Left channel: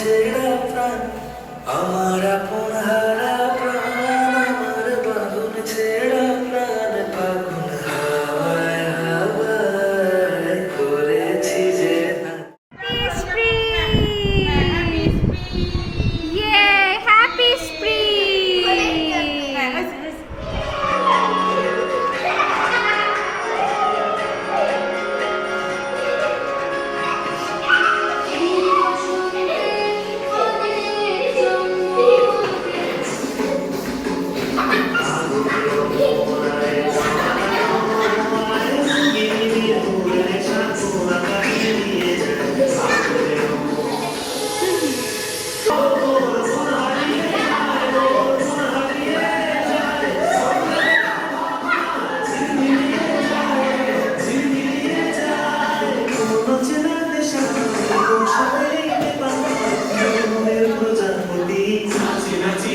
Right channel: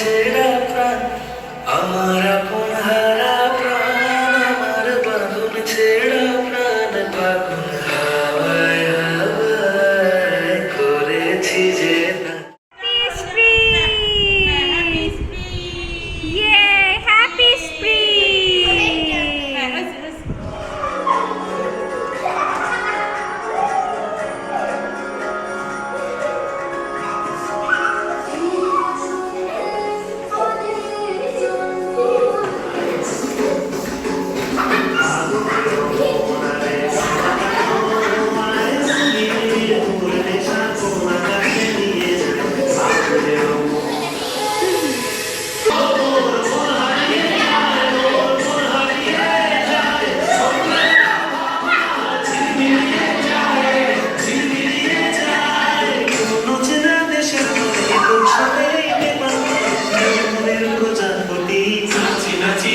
ছেড়া প্রাণ, আমার আপন হারা প্রাণ, আমার বাঁধন ছেড়া প্রাণ, ফাগুন হাওয়ায় হাওয়ায় করেছি যে Yay! Happy Spring! নাচি নাচি